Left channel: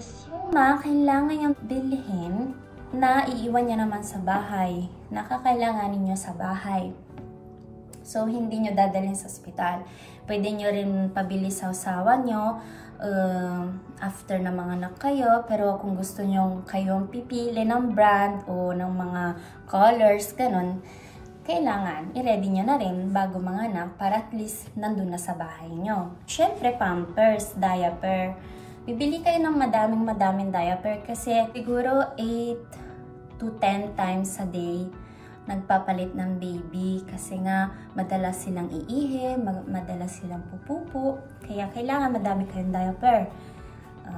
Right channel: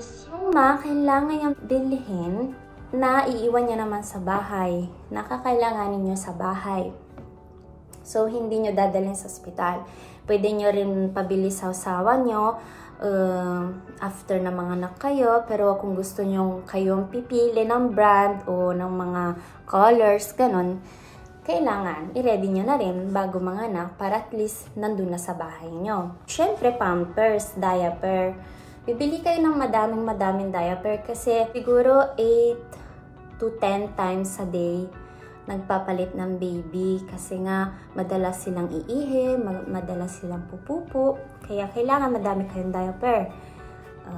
is yung kailangan niyang bilhin na iiwan niya naman sa bahay. Nakakailanganin niyo sa bahay. So, hindi nyo dadalhin sa ospital. Pwede nyo rin pabili sa usawa nyo after na mga anak kayo. Pero kung gusto nyo kayong pipili ng brand o ng mga colors, ganun, kailangan i-ready nyo na rin bago mga anak para at least nandun na sa bahay nyo. Syempre, pampers, diaper. Bibili kayo ng madaming diaper kasi siguro 8 to 10 times a day nagpapalit ng baby kasi nga madalas silang iihi, madalas silang pupupo, kaya kailangan madami kayong diaper.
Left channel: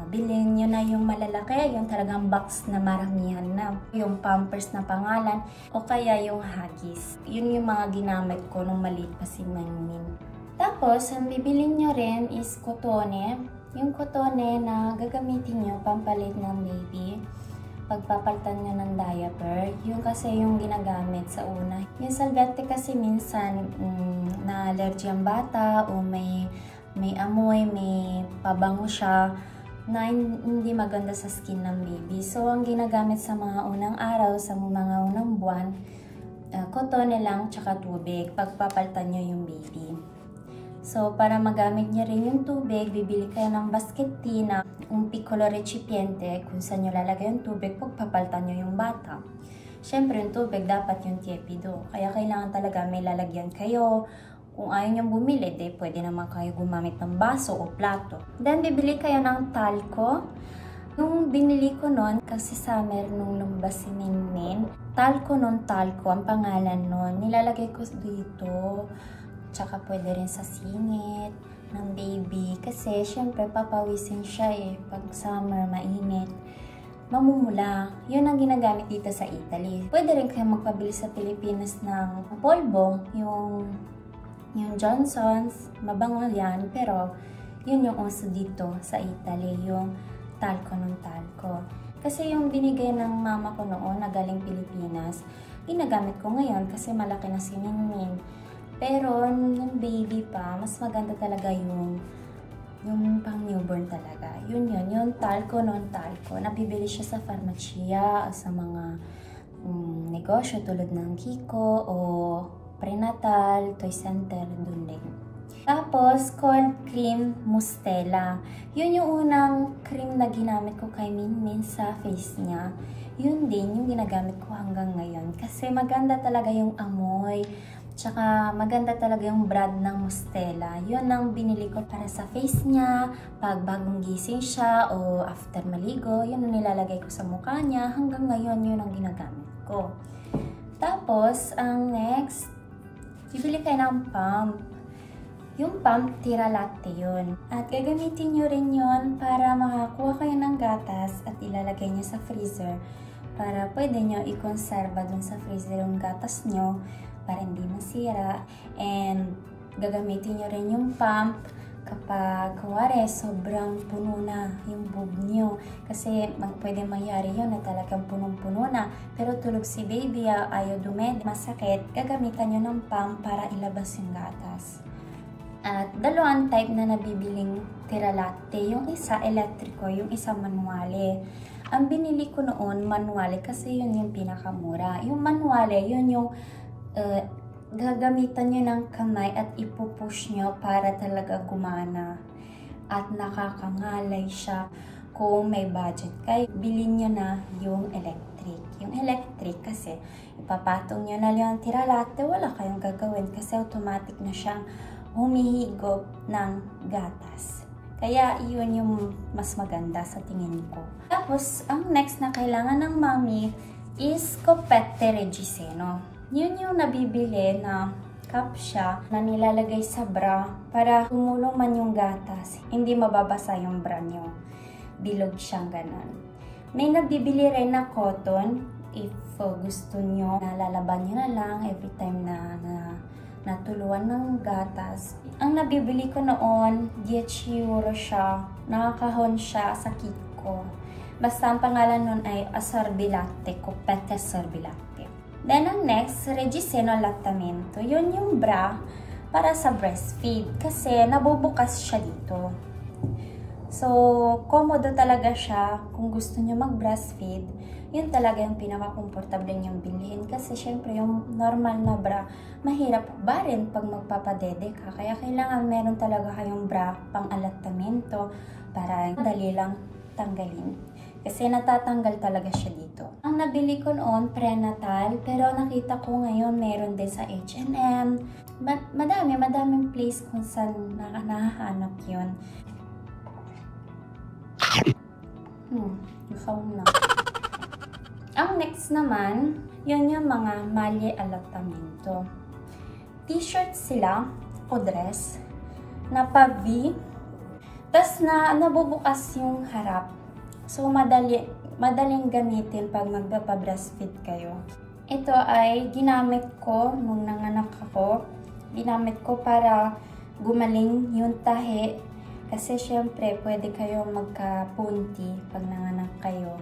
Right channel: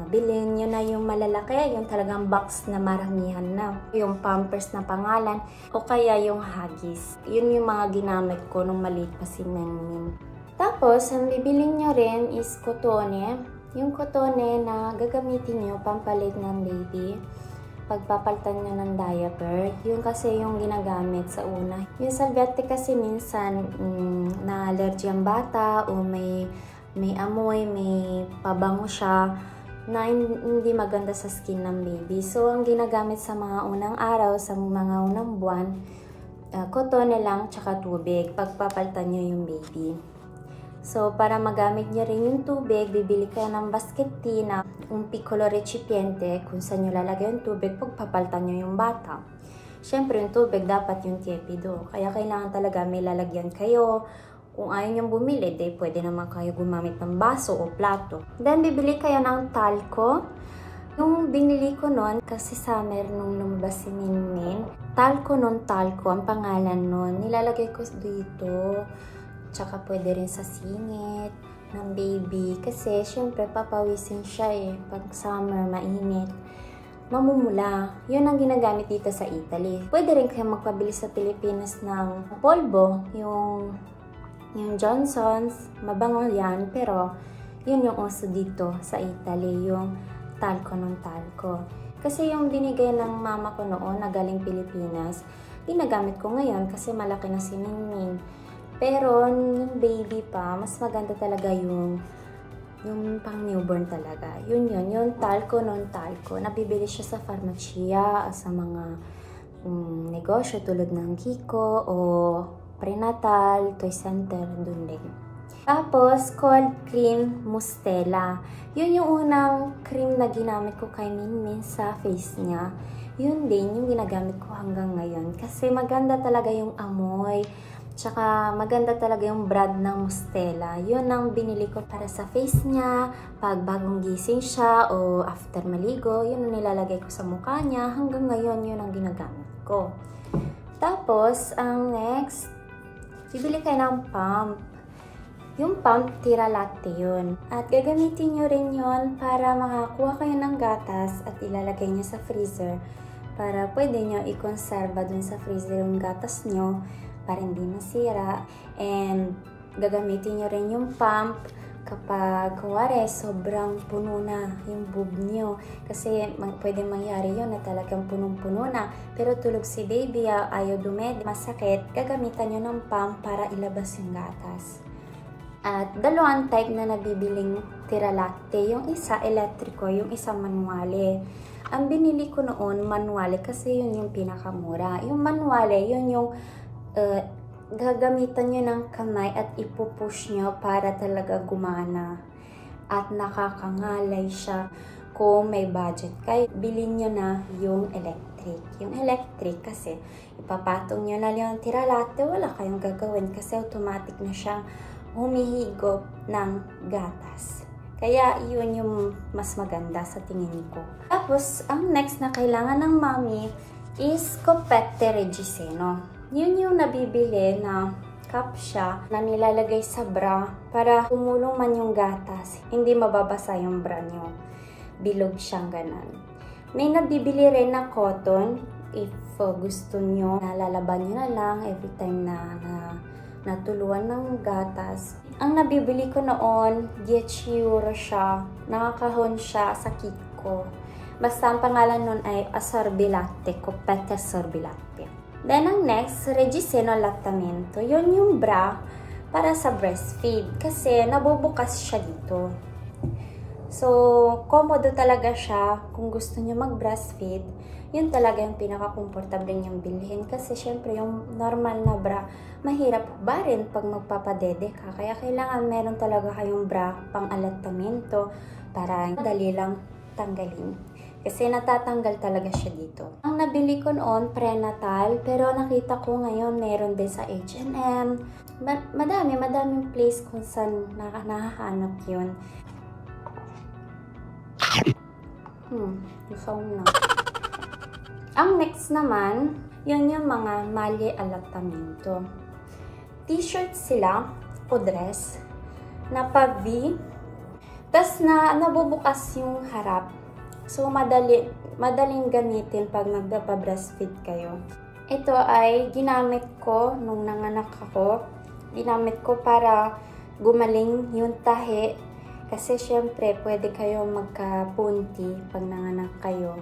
Bilhin nyo na yung malalaki, yung talagang box na maramihan na, yung pampers na pangalan, o kaya yung Huggies. Yun yung mga ginamit ko nung maliit pa si Nangmin. Tapos, ang bibilin nyo rin is kotone. Yung kotone na gagamitin nyo pampalit ng baby pagpapalitan nyo ng diaper, yun kasi yung ginagamit sa una. Yung salvete kasi minsan na-allergy ang bata o may amoy, may pabango siya na hindi maganda sa skin ng baby. So, ang ginagamit sa mga unang araw, sa mga unang buwan, kotone lang tsaka tubig pagpapalitan nyo yung baby. So, para magamit niya rin yung tubig, bibili kayo ng basket tea na un piccolo recipiente kung saan nyo lalagay yung tubig pagpapalitan nyo yung bata. Siyempre, yung tubig dapat yung tiepido. Kaya kailangan talaga may lalagyan kayo. Kung ayaw nyo bumili, pwede naman kayo gumamit ng baso o plato. Then, bibili kayo ng talco. Yung binili ko nun, kasi summer nung lumabas si Minmin, talco ang pangalan nun. Nilalagay ko dito. Tsaka pwede rin sa singit ng baby. Kasi syempre papawisin siya pag summer, mainit. Mamumula. Yun ang ginagamit dito sa Italy. Pwede rin kayo magpabili sa Pilipinas ng polvo. Yung Johnson's. Mabango yan. Pero yun yung uso dito sa Italy. Yung talco. Kasi yung binigay ng mama ko noon na galing Pilipinas, ginagamit ko ngayon kasi malaki na si Minmin. Pero, nung baby pa, mas maganda talaga yung pang newborn talaga. Yung talco. Nabibili siya sa farmacia, sa mga negosyo tulad ng Kiko o prenatal, toy center, dun din. Tapos, cold cream Mustela. Yun yung unang cream na ginamit ko kay Minmin sa face niya. Yun din yung ginagamit ko hanggang ngayon. Kasi maganda talaga yung amoy. Tsaka maganda talaga yung brand ng Mustela. Yun ang binili ko para sa face niya. Pag bagong gising siya o after maligo, yun ang nilalagay ko sa mukha niya. Hanggang ngayon, yun ang ginagamit ko. Tapos, ang next, bibili kayo ng pump. Yung pump, tira latte yun. At gagamitin nyo rin yun para makakuha kayo ng gatas at ilalagay nyo sa freezer. Para pwede nyo i-conserva dun sa freezer yung gatas nyo para hindi masira. And gagamitin nyo rin yung pump kapag kuwari sobrang puno na yung boob nyo. Kasi pwede mangyari yun na talagang punong-puno na. Pero tulog si baby, ayaw dumedi, masakit. Gagamitan nyo ng pump para ilabas yung gatas. At dalawang type na nabibiling tira latte. Yung isa elektriko, yung isa manuale. Ang binili ko noon manuale kasi yun yung pinakamura. Yung manuale, yun yung gagamitan nyo ng kamay at ipupush nyo para talaga gumana at nakakangalay siya. Kung may budget kayo, bilhin nyo na yung electric. Yung electric kasi ipapatong nyo na yung tira latte, wala kayong gagawin kasi automatic na siyang humihigop ng gatas. Kaya yun yung mas maganda sa tingin ko. Tapos ang next na kailangan ng mommy is Copette Reggiseno. Yun yung nabibili na cup siya na nilalagay sa bra para tumulong man yung gatas. Hindi mababasa yung bra nyo. Bilog siyang ganon. May nabibili rin na cotton if gusto nyo. Nalalaban nyo na lang every time na natuluan ng gatas. Ang nabibili ko noon, 10 euro siya. Nakakahon siya sa Kiko. Basta ang pangalan nun ay Assorbilatte, Copette Assorbilatte. Then, ang next, Reggiseno Lattamento. Yun yung bra para sa breastfeed kasi nabubukas siya dito. So, komodo talaga siya kung gusto nyo mag-breastfeed. Yun talaga yung pinaka-comfortable niyong bilhin. Kasi syempre, yung normal na bra, mahirap ba rin pag magpapadede ka. Kaya kailangan meron talaga kayong bra pang alatamento para dali lang tanggalin. Kasi natatanggal talaga siya dito. Ang nabili ko noon, prenatal. Pero nakita ko ngayon, meron din sa H&M. Madaming place kung saan nahahanap yun. Sound na. Ang next naman, yun yung mga mali alatamento. T-shirt sila o dress na pa-V. Tas nabubukas yung harap. So, madaling gamitin pag magpapa-breastfeed kayo. Ito ay ginamit ko nung nanganak ako. Ginamit ko para gumaling yung tahi. Kasi syempre, pwede kayo magka-punti pag nanganak kayo.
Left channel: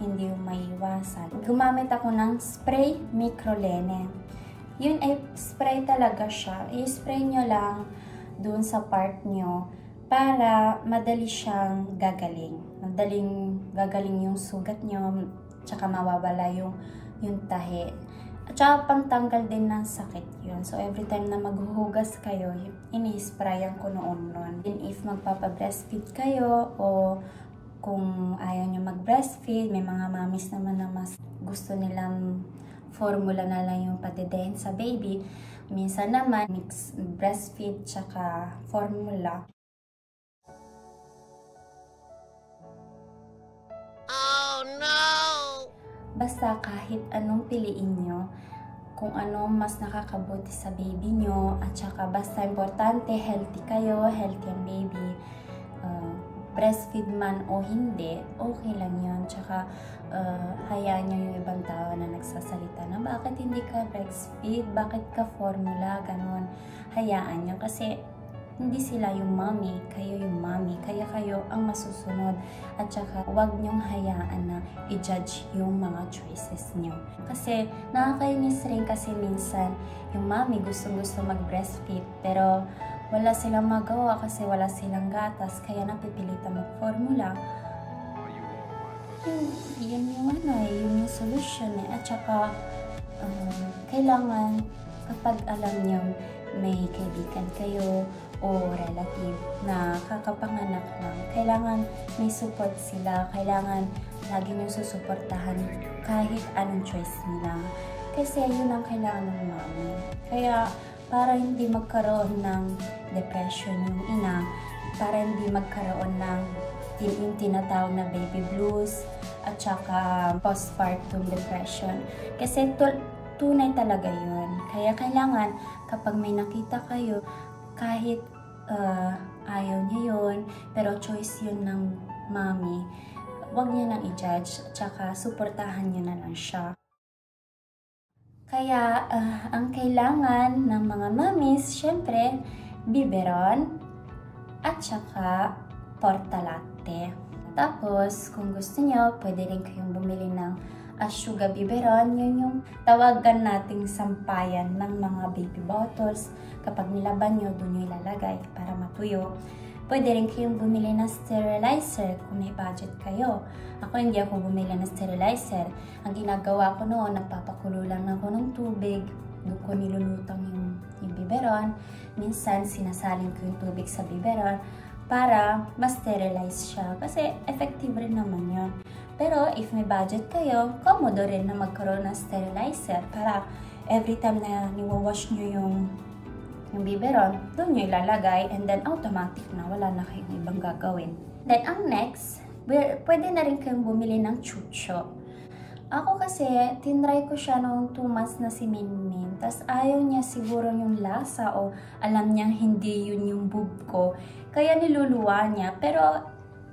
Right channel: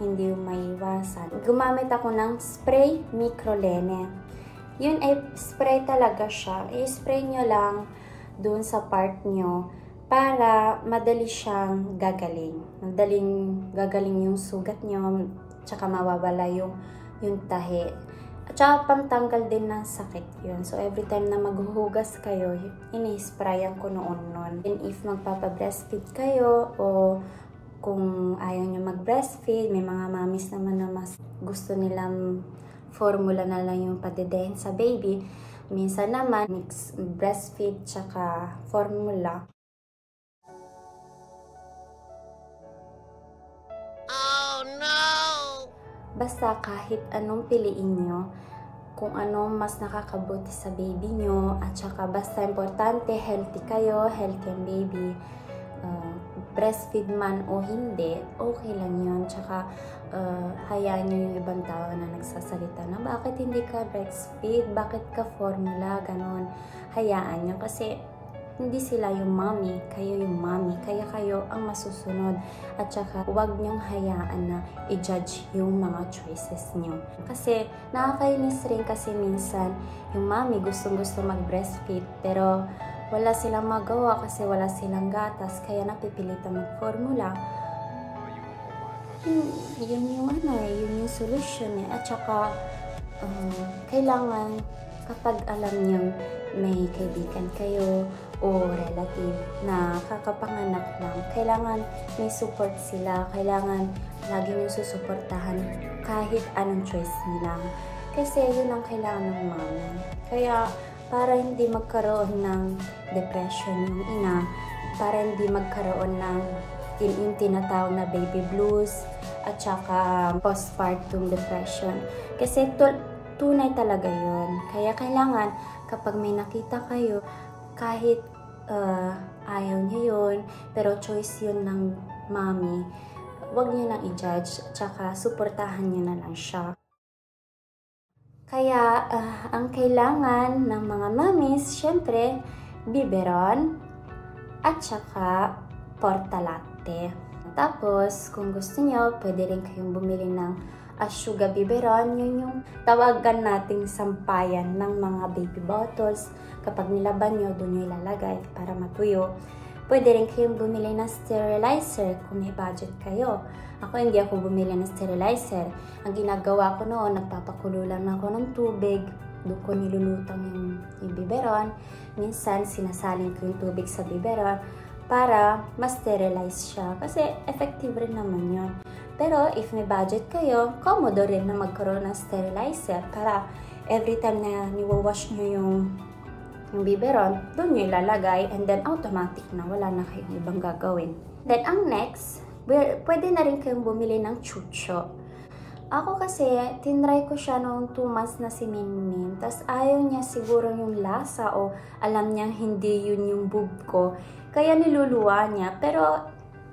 Hindi yung maiwasan. Gumamit ako ng spray microlene. Yun ay spray talaga siya. I-spray nyo lang dun sa part nyo para madali siyang gagaling. Madaling gagaling yung sugat nyo, tsaka mawawala yung tahi. At saka pantanggal din ng sakit yun. So every time na maghuhugas kayo, ini-sprayan ko noon. And if magpapa-breastfeed kayo o kung ayaw nyo mag-breastfeed, may mga mommies naman na mas gusto nilang formula na lang yung padedehin sa baby. Minsan naman, mix breastfeed tsaka formula. Oh no! Basta kahit anong piliin nyo, kung ano mas nakakabuti sa baby nyo, at saka basta importante, healthy kayo, healthy ang baby. Breastfeed man o hindi, okay lang yun. Tsaka, hayaan nyo yung ibang tao na nagsasalita na bakit hindi ka breastfeed, bakit ka formula, ganon. Hayaan nyo kasi hindi sila yung mommy, kayo yung mommy. Kaya kayo ang masusunod. At saka, huwag nyong hayaan na i-judge yung mga choices nyo. Kasi, nakakainis rin kasi minsan, yung mommy gustong-gusto mag-breastfeed, pero wala silang magawa kasi wala silang gatas, kaya napipilitan mag-formula. Yun yung solution eh. At saka, kailangan kapag alam nyo may kaibigan kayo o relative na kakapanganak lang, kailangan may support sila, kailangan lagi nyo susuportahan kahit anong choice nila. Kasi yun ang kailangan ng mommy. Kaya, para hindi magkaroon ng depression yung ina, para hindi magkaroon ng yung tinatawag na baby blues at saka postpartum depression. Kasi tunay talaga yun. Kaya kailangan kapag may nakita kayo, kahit ayaw niyo yun, pero choice yun ng mommy, huwag niyo nang i-judge at saka suportahan niyo na lang siya. Kaya, ang kailangan ng mga mommies, syempre, biberon at saka portalatte. Tapos, kung gusto nyo, pwede rin kayong bumili ng Ashuga biberon. Yun yung tawagan nating sampayan ng mga baby bottles. Kapag nilaban nyo, doon nyo ilalagay para matuyo. Pwede rin kayong bumili ng sterilizer kung may budget kayo. Ako hindi ako bumili ng sterilizer. Ang ginagawa ko noon, nagpapakulo lang ako ng tubig. Doon ko nilulutang yung biberon. Minsan, sinasalin ko yung tubig sa biberon para ma-sterilize siya. Kasi effective rin naman yun. Pero if may budget kayo, komodo rin na magkaroon ng sterilizer para every time na niwawash nyo yung biberon, doon nyo ilalagay and then automatic na wala na kayong ibang gagawin. Then ang next, pwede na rin kayong bumili ng chucho. Ako kasi, tinry ko siya noong 2 months na si Minmin. Tapos ayaw niya siguro yung lasa o alam niyang hindi yun yung boob ko. Kaya niluluwa niya. Pero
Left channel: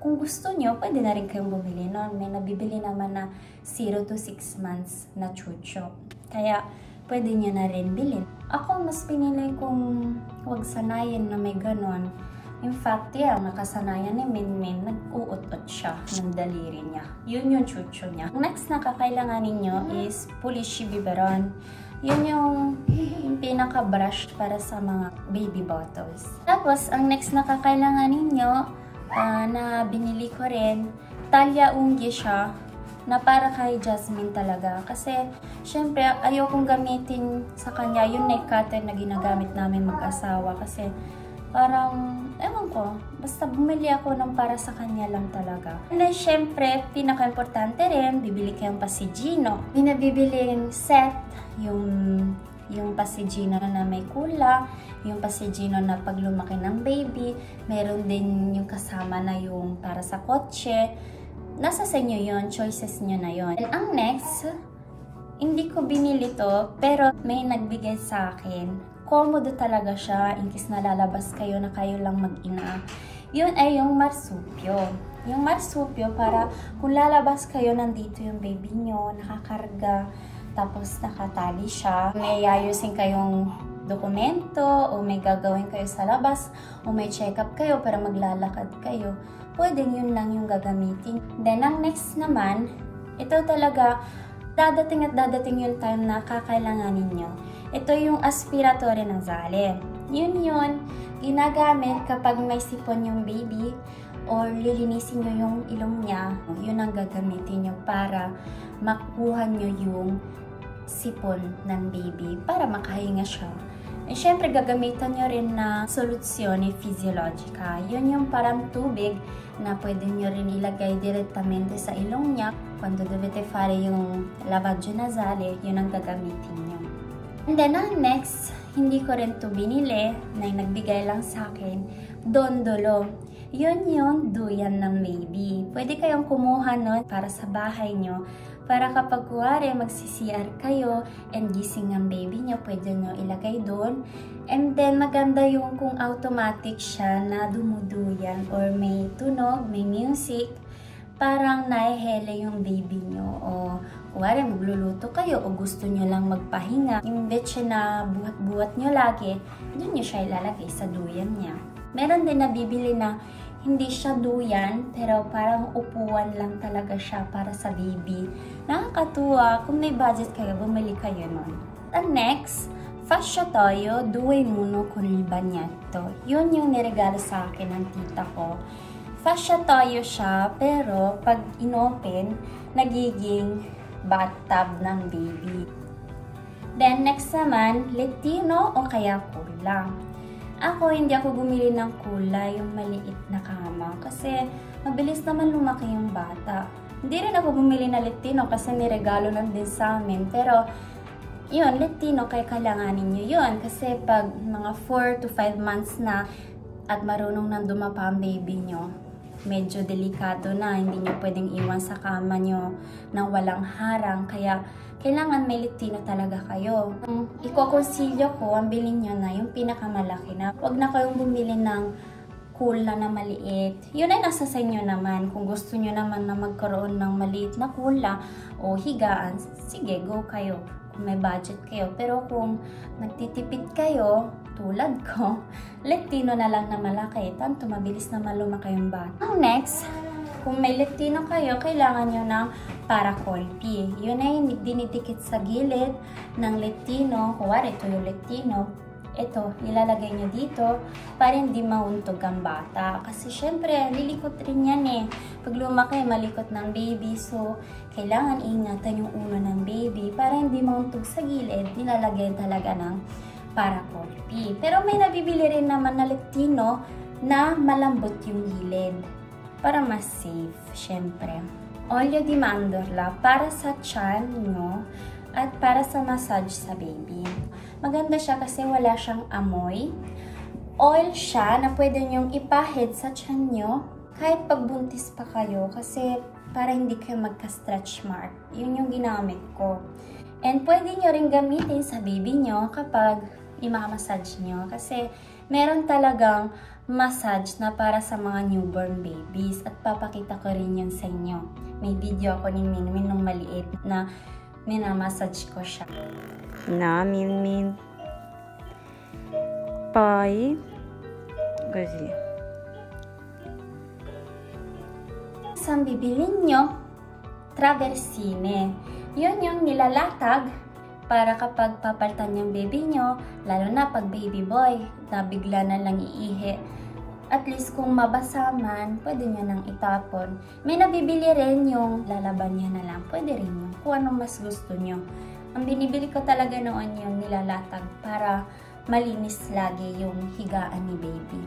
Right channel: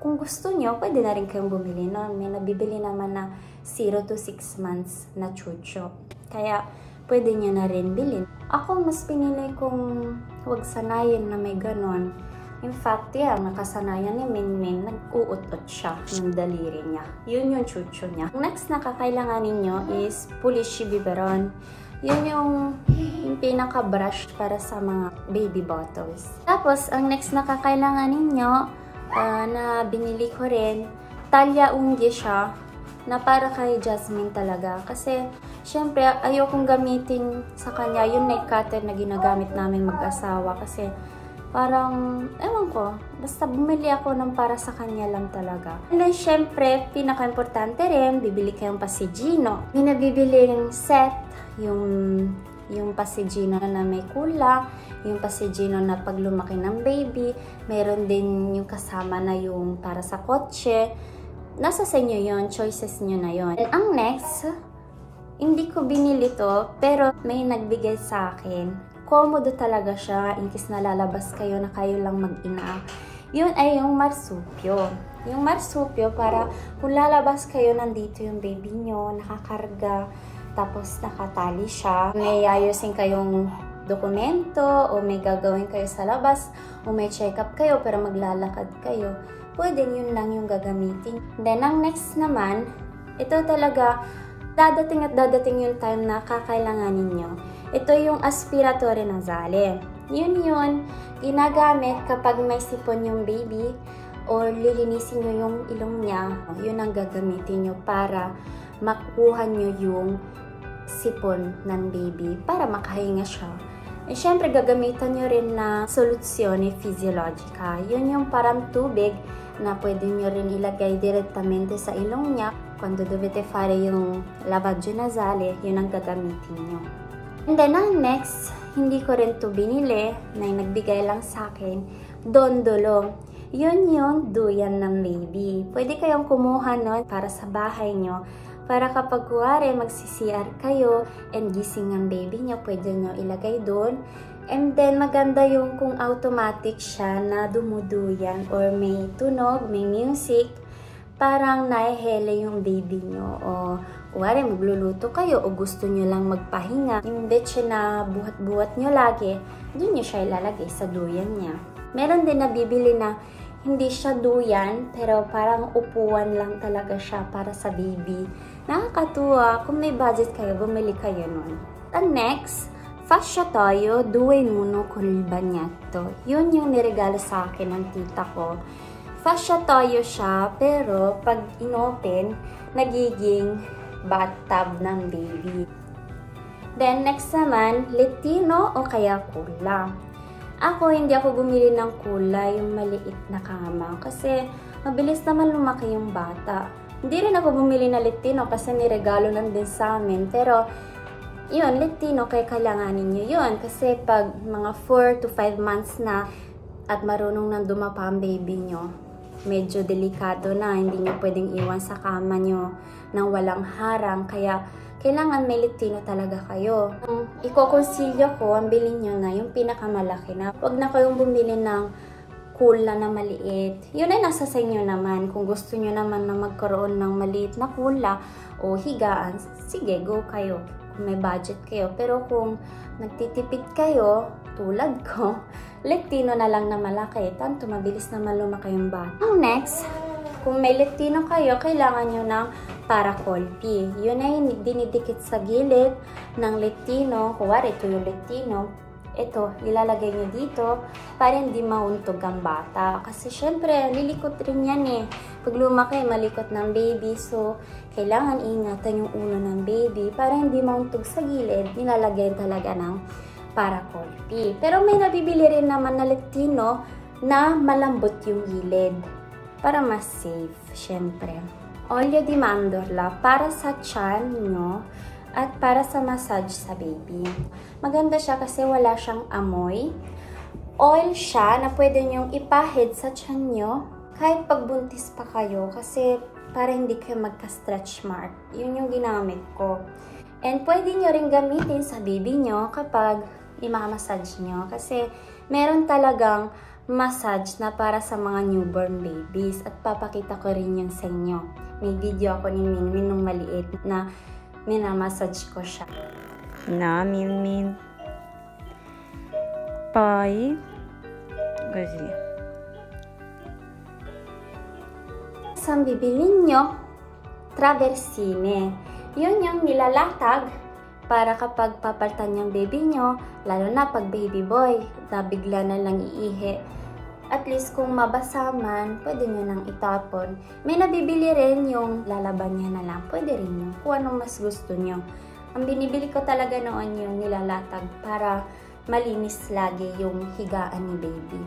kung gusto niyo, pwede na rin kayong bumili noon. May nabibili naman na 0 to 6 months na chucho. Kaya pwede niyo na rin bilhin. Ako mas pinili kong huwag sanayin na may ganon. In fact, nakasanayan ni Minmin, nag-uut-ut siya ng daliri niya. Yun yung chucho niya. Next na kakailanganin nyo is Pulishi biberon. Yun yung pinaka-brush para sa mga baby bottles. Tapos, ang next na kakailanganin nyo na binili ko rin. Talia Ungi siya na para kay Jasmine talaga. Kasi, syempre, ayokong gamitin sa kanya yung nail cutter na ginagamit namin mag-asawa. Kasi, parang, ewan ko, basta bumili ako ng para sa kanya lang talaga. And then, syempre, pinaka-importante rin, bibili kayong pasigino. May nabibiling set, yung pasigino na may kula, yung pasigino na pag lumaki ng baby, mayroon din yung kasama na yung para sa kotse. Nasa sa inyo yun, choices nyo na yun. And ang next, hindi ko binili to, pero may nagbigay sa akin. Komodo talaga siya, in case nalalabas kayo na kayo lang mag-ina. Yun ay yung marsupyo. Yung marsupyo, para kung lalabas kayo, nandito yung baby nyo, nakakarga, tapos nakatali siya. May ayusin kayong dokumento, o may gagawin kayo sa labas, o may check-up kayo para maglalakad kayo. Pwede yun lang yung gagamitin. Then, ang next naman, ito talaga, dadating at dadating yung time na kakailanganin nyo. Ito yung aspiratory nasale. Yun, ginagamit kapag may sipon yung baby or lilinisin nyo yung ilong niya. Yun ang gagamitin nyo para makuha nyo yung sipon ng baby para makahinga siya. Eh, syempre, gagamitan nyo rin na soluzione fisiologica. Yun yung parang tubig na pwede nyo rin ilagay direttamente sa ilong niya. Quando dovete fare yung lavaggio nasale, yun ang gagamitin nyo. And then, ang next, hindi ko rin to binili, na nagbigay lang sa akin, dondolo. Yun yung duyan ng baby. Pwede kayong kumuha nun para sa bahay nyo. Para kapag kuwari magsi-CR kayo and gising ang baby nyo, pwede nyo ilagay doon. And then, maganda yung kung automatic siya na dumuduyan or may tunog, may music, parang nahihele yung baby nyo. O kuwari magluluto kayo o gusto nyo lang magpahinga, yung leche na buhat-buhat nyo lagi, doon nyo siya ilalagay sa duyan niya. Meron din nabibili na hindi siya duyan, pero parang upuan lang talaga siya para sa baby. Nakakatuwa, kung may budget kayo, bumili kayo nun. And next, fasciatoio 2 in 1 con il bagnetto. Yun yung niregalo sa akin ng tita ko. Fasciatoio siya, pero pag inopen, nagiging bathtub ng baby. Then next naman, lettino o kaya kula. Ako, hindi ako bumili ng kulay, yung maliit na kama. Kasi, mabilis naman lumaki yung bata. Hindi rin ako bumili na lettino kasi niregalo lang din sa amin. Pero, yun, lettino, kaya kailanganin nyo yun. Kasi pag mga 4 to 5 months na at marunong nang dumapa ang baby nyo, medyo delikado na. Hindi nyo pwedeng iwan sa kama nyo nang walang harang. Kaya, kailangan may lettino talaga kayo. Iko-consilyo ko, ang bilhin nyo na yung pinakamalaki na. Huwag na kayong bumili ng kula na maliit. Yun ay nasa sa inyo naman. Kung gusto nyo naman na magkaroon ng maliit na kula o higaan, sige, go kayo. Kung may budget kayo. Pero kung nagtitipid kayo, tulad ko, lettino na lang na malaki. Tanto mabilis naman lumaki yung bata. Ang next, kung may lettino kayo, kailangan nyo ng paracolpi. Yun ay dinidikit sa gilid ng lettino. Kuwari, ito yung lettino. Ito, ilalagay nyo dito para hindi mauntog ang bata. Kasi syempre, lilikot rin yan eh. Pag lumaki, malikot ng baby. So, kailangan ingatan yung ulo ng baby para hindi mauntog sa gilid. Nilalagay talaga ng paracolpi. Pero may nabibili rin naman na lettino na malambot yung gilid. Para mas safe, syempre. Olio di mandorla para sa tiyan nyo at para sa massage sa baby. Maganda siya kasi wala siyang amoy. Oil siya na pwede nyong ipahid sa tiyan nyo kahit pagbuntis pa kayo kasi para hindi kayo magka-stretch mark. Yun yung ginamit ko. And pwede nyo rin gamitin sa baby nyo kapag imamassage nyo kasi meron talagang massage na para sa mga newborn babies at papakita ko rin yan sa inyo. May video ako ni Minmin nung maliit na minamassage ko siya. Na, Minmin. Poi, così. Saan bibilin nyo? Traversine. Yun yung nilalatag para kapag papalitan yung baby nyo, lalo na pag baby boy, na bigla na lang iihi, At least kung mabasa man, pwede nyo nang itapon. May nabibili rin yung lalaban niya na lang. Pwede rin yun, kung ano mas gusto nyo. Ang binibili ko talaga noon yung nilalatag para malinis lagi yung higaan ni baby.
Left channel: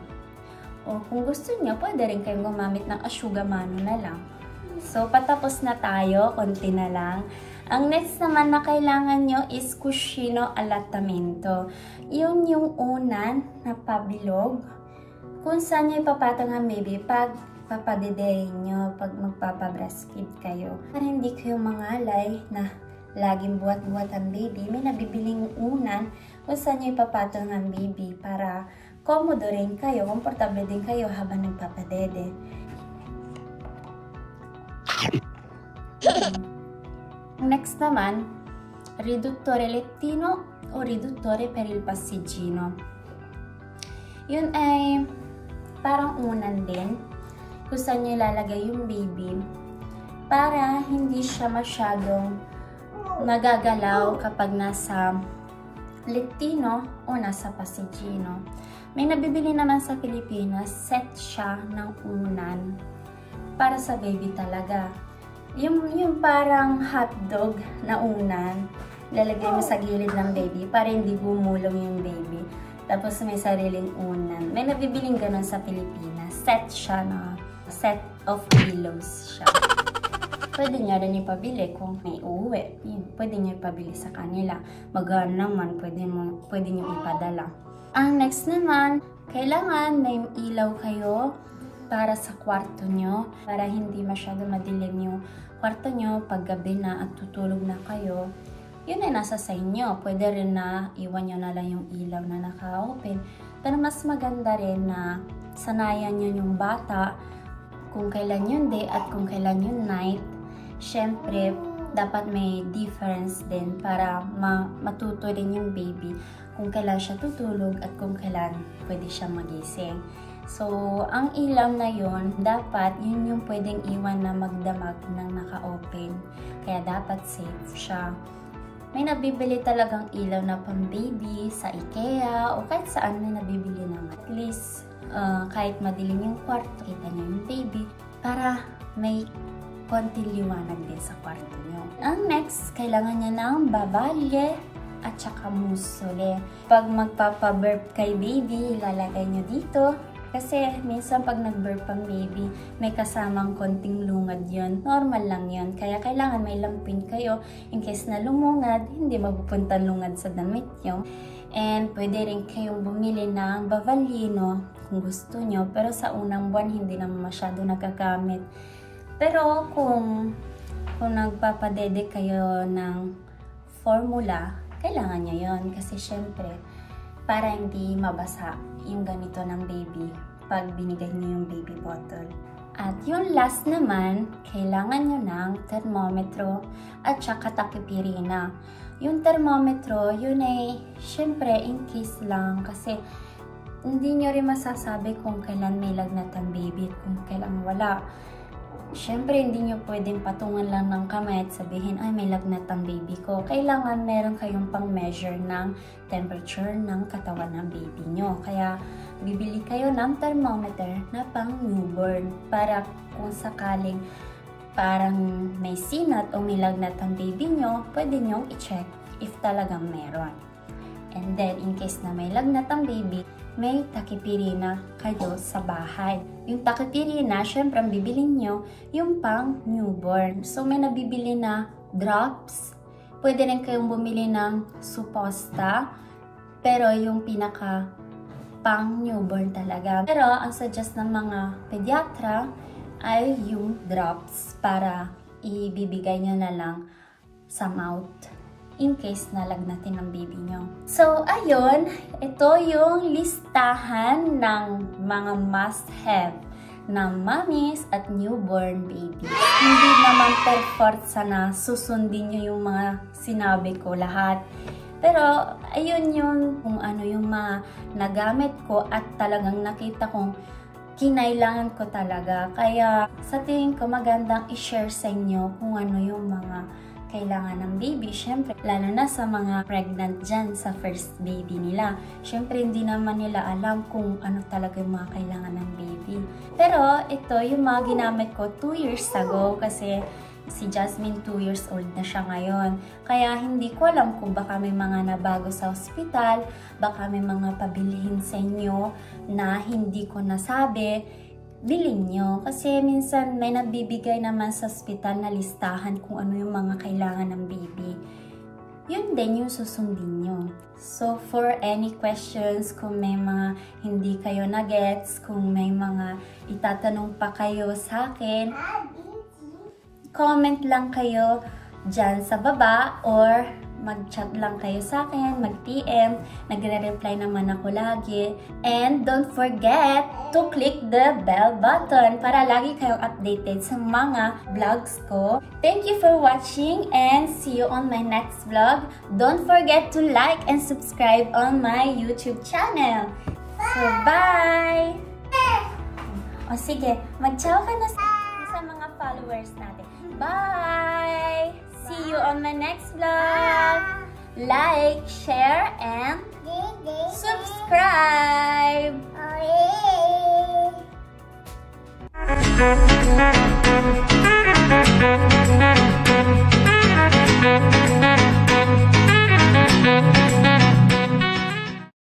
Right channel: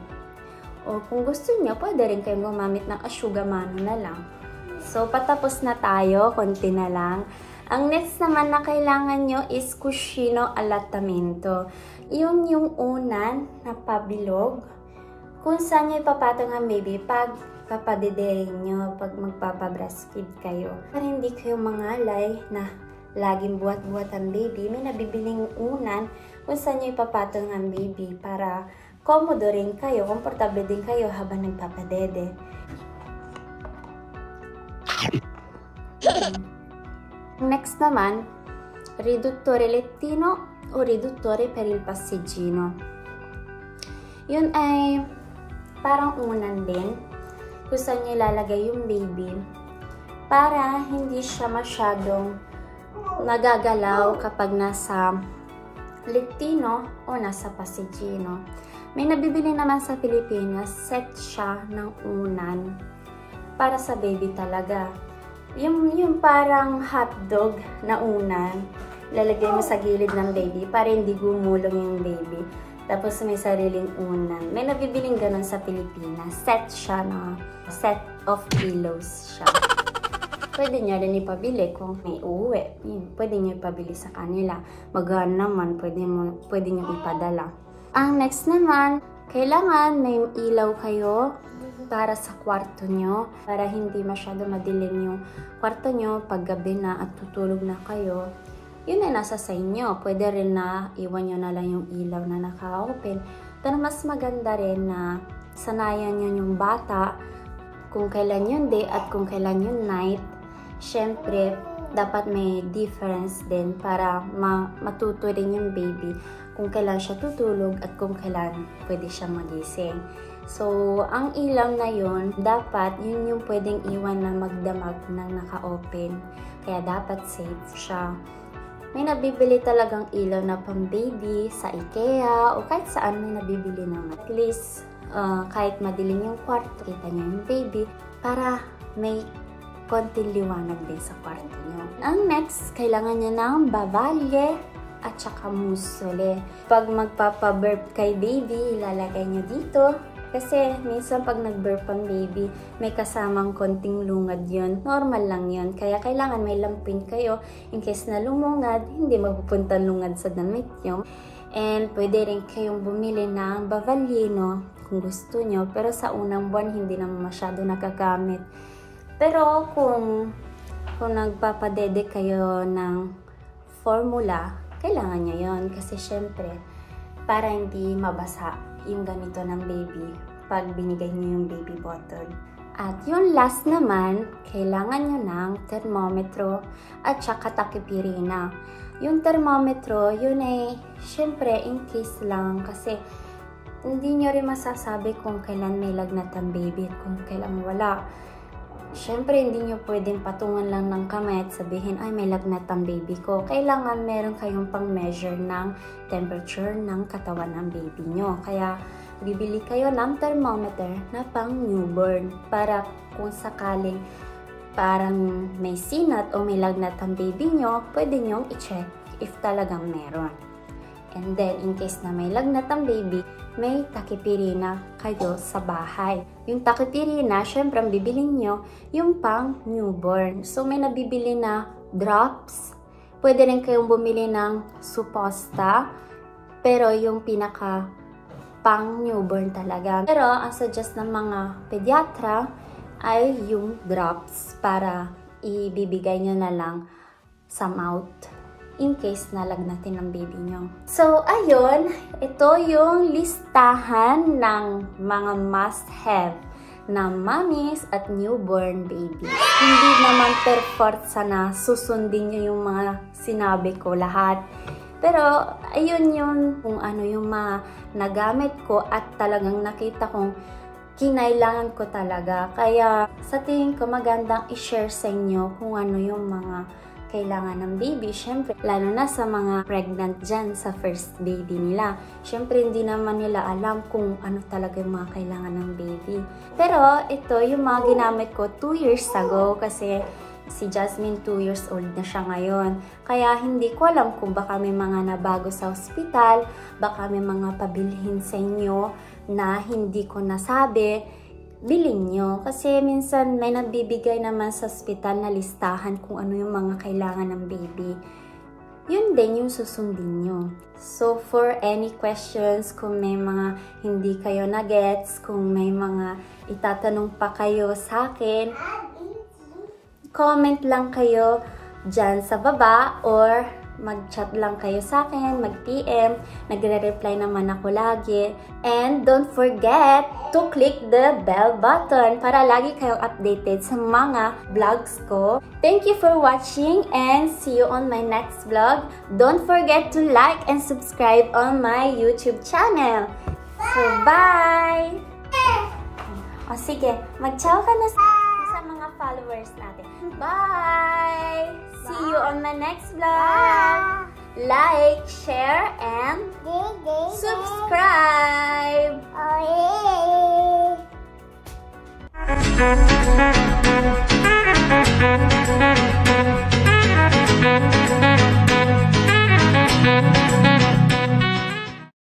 O kung gusto nyo, pwede rin kayong gumamit ng asciugamano na lang. So, patapos na tayo, konti na lang. Ang next naman na kailangan nyo is cuscino allattamento. Yun yung unan na pabilog kung saan nyo ipapatong ang baby pag papadederin nyo, pag magpapabreastfeed kayo. Para hindi kayo mangalay na laging buhat-buhat ang baby, may nabibiling unan kung saan nyo ipapatong ang baby para komodo rin kayo, komportable din kayo habang nagpapadede. Next naman, riduttore lettino o riduttore per il passeggino. Yun ay parang unan din kung saan nyo ilalagay yung baby para hindi siya masyadong nagagalaw kapag nasa lettino o nasa passeggino. May nabibili naman sa Pilipinas, set siya ng unan para sa baby talaga. Yung parang hotdog na unan, lalagay mo sa gilid ng baby para hindi gumulong yung baby. Tapos may sariling unan. May nabibiling ganun sa Pilipinas. Set siya na set of pillows siya. Pwede nyo rin ipabili kung may uuwi. Pwede nyo ipabili sa kanila. Magaan naman, pwede nyo ipadala. Ang next naman, kailangan may ilaw kayo para sa kwarto nyo. Para hindi masyado madilim yung kwarto nyo pag gabi na at tutulog na kayo. Yun ay nasa sa inyo. Pwede rin na iwan nyo na lang yung ilaw na naka-open. Pero mas maganda rin na sanayan nyo yung bata kung kailan yung day at kung kailan yung night. Siyempre, dapat may difference din para matuto rin yung baby kung kailan siya tutulog at kung kailan pwede siya magising. So, ang ilaw na yun, dapat yun yung pwedeng iwan na magdamag ng naka-open. Kaya dapat safe siya. May nabibili talagang ilaw na pang baby sa IKEA o kahit saan may nabibili naman. At least, kahit madilim yung kwarto, kita niyo yung baby para may konting liwanag din sa kwarto niyo. Ang next, kailangan niya ng babalye at saka musole. Pag magpapa-burp kay baby, ilalagay niyo dito. Kasi minsan pag nag-burp ang baby, may kasamang konting lungad yun. Normal lang yun. Kaya kailangan may lampin kayo. In case na lumungad, hindi mapupunta lungad sa damit nyo. And pwede rin kayong bumili ng Bavallino kung gusto nyo. Pero sa unang buwan, hindi naman masyado nagagamit. Pero kung nagpapadede kayo ng formula, kailangan nyo yun. Kasi syempre, para hindi mabasa yung ganito ng baby pag binigay nyo yung baby bottle. At yung last naman, kailangan nyo ng thermometro at saka takipirina. Yung thermometro, yun ay syempre in case lang kasi hindi nyo rin masasabi kung kailan may lagnat ang baby at kung kailan wala. Syempre, hindi nyo pwedeng patungan lang ng kamay at sabihin, ay, may lagnat ang baby ko. Kailangan meron kayong pang-measure ng temperature ng katawan ng baby nyo. Kaya, bibili kayo ng thermometer na pang newborn para kung sakaling parang may sinat o may lagnat ang baby nyo, pwede nyong i-check if talagang meron. And then, in case na may lagnat ang baby, may takipirina kayo sa bahay. Yung takipirina, syempre ang bibilin nyo, yung pang newborn. So, may nabibili na drops. Pwede rin kayong bumili ng supposta. Pero yung pinaka pang newborn talaga. Pero, ang suggest ng mga pediatra ay yung drops para ibibigay nyo na lang sa mouth in case nalagnatin ng baby nyo. So, ayun, ito yung listahan ng mga must-have na mommies at newborn baby. Hindi naman perfect sana susundin nyo yung mga sinabi ko lahat. Pero, ayun yun kung ano yung mga nagamit ko at talagang nakita kong kinailangan ko talaga. Kaya, sa tingin ko magandang i-share sa inyo kung ano yung mga kailangan ng baby. Syempre, lalo na sa mga pregnant dyan sa first baby nila. Syempre, hindi naman nila alam kung ano talaga yung mga kailangan ng baby. Pero, ito yung mga ginamit ko 2 years ago kasi si Jasmine 2 years old na siya ngayon. Kaya hindi ko alam kung baka may mga nabago sa ospital, baka may mga pabilhin sa inyo na hindi ko nasabi. Bilhin nyo. Kasi minsan may nabibigay naman sa ospital na listahan kung ano yung mga kailangan ng baby. Yun din yung susundin nyo. So, for any questions, kung may mga hindi kayo na-gets, kung may mga itatanong pa kayo sa akin, comment lang kayo dyan sa baba or mag-chat lang kayo sa akin, mag-PM. Nagre-reply naman ako lagi. And don't forget to click the bell button para lagi kayong updated sa mga vlogs ko. Thank you for watching and see you on my next vlog. Don't forget to like and subscribe on my YouTube channel. So, bye! O sige, mag-ciao ka na sa mga followers natin. Bye! See you on my next vlog. Like, share, and subscribe. Oh, yeah.